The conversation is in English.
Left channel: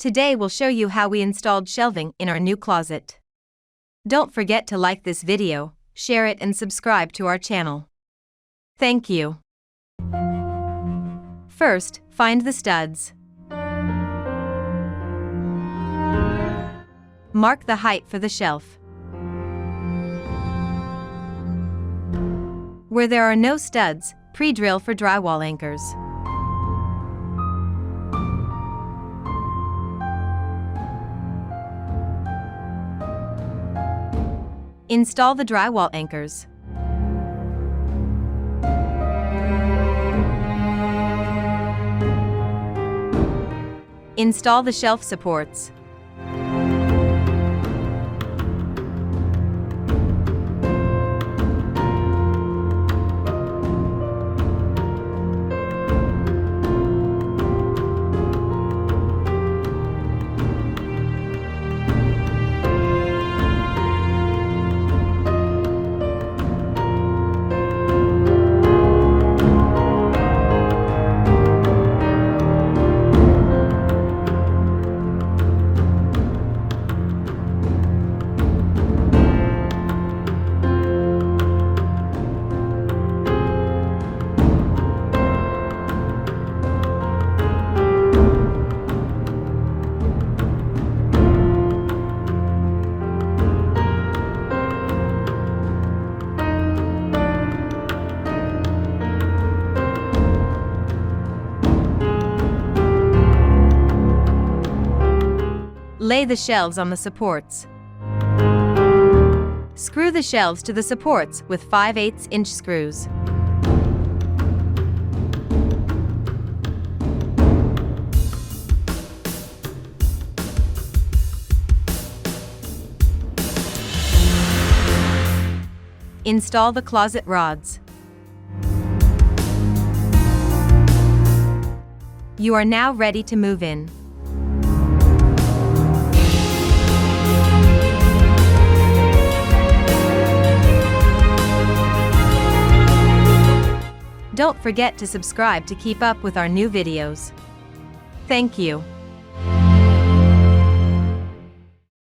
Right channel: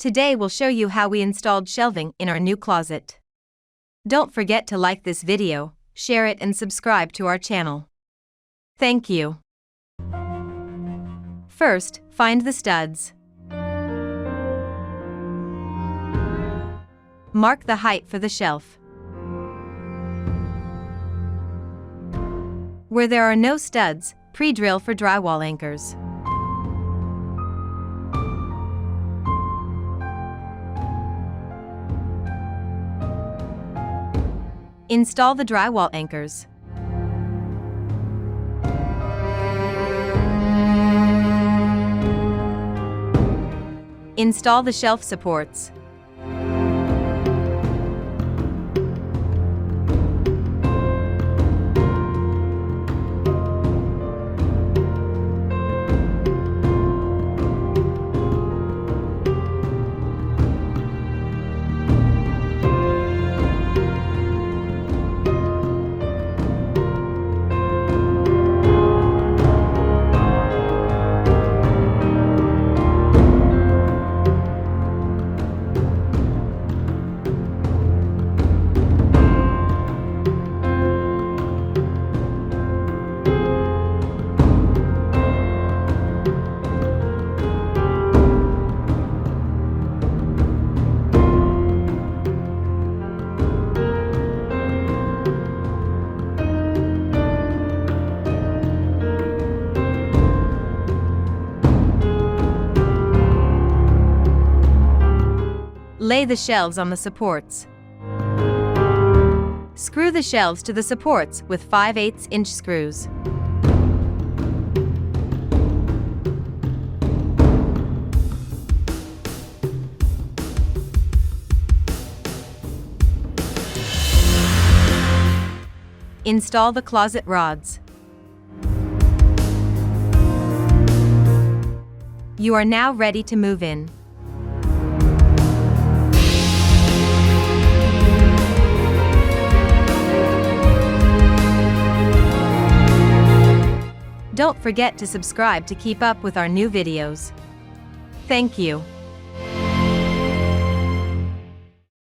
Today we'll show you how we installed shelving in our new closet. Don't forget to like this video, share it and subscribe to our channel. Thank you. First, find the studs. Mark the height for the shelf. Where there are no studs, pre-drill for drywall anchors. Install the drywall anchors. Install the shelf supports. Lay the shelves on the supports. Screw the shelves to the supports with 5/8" screws. Install the closet rods. You are now ready to move in. Don't forget to subscribe to keep up with our new videos. Thank you.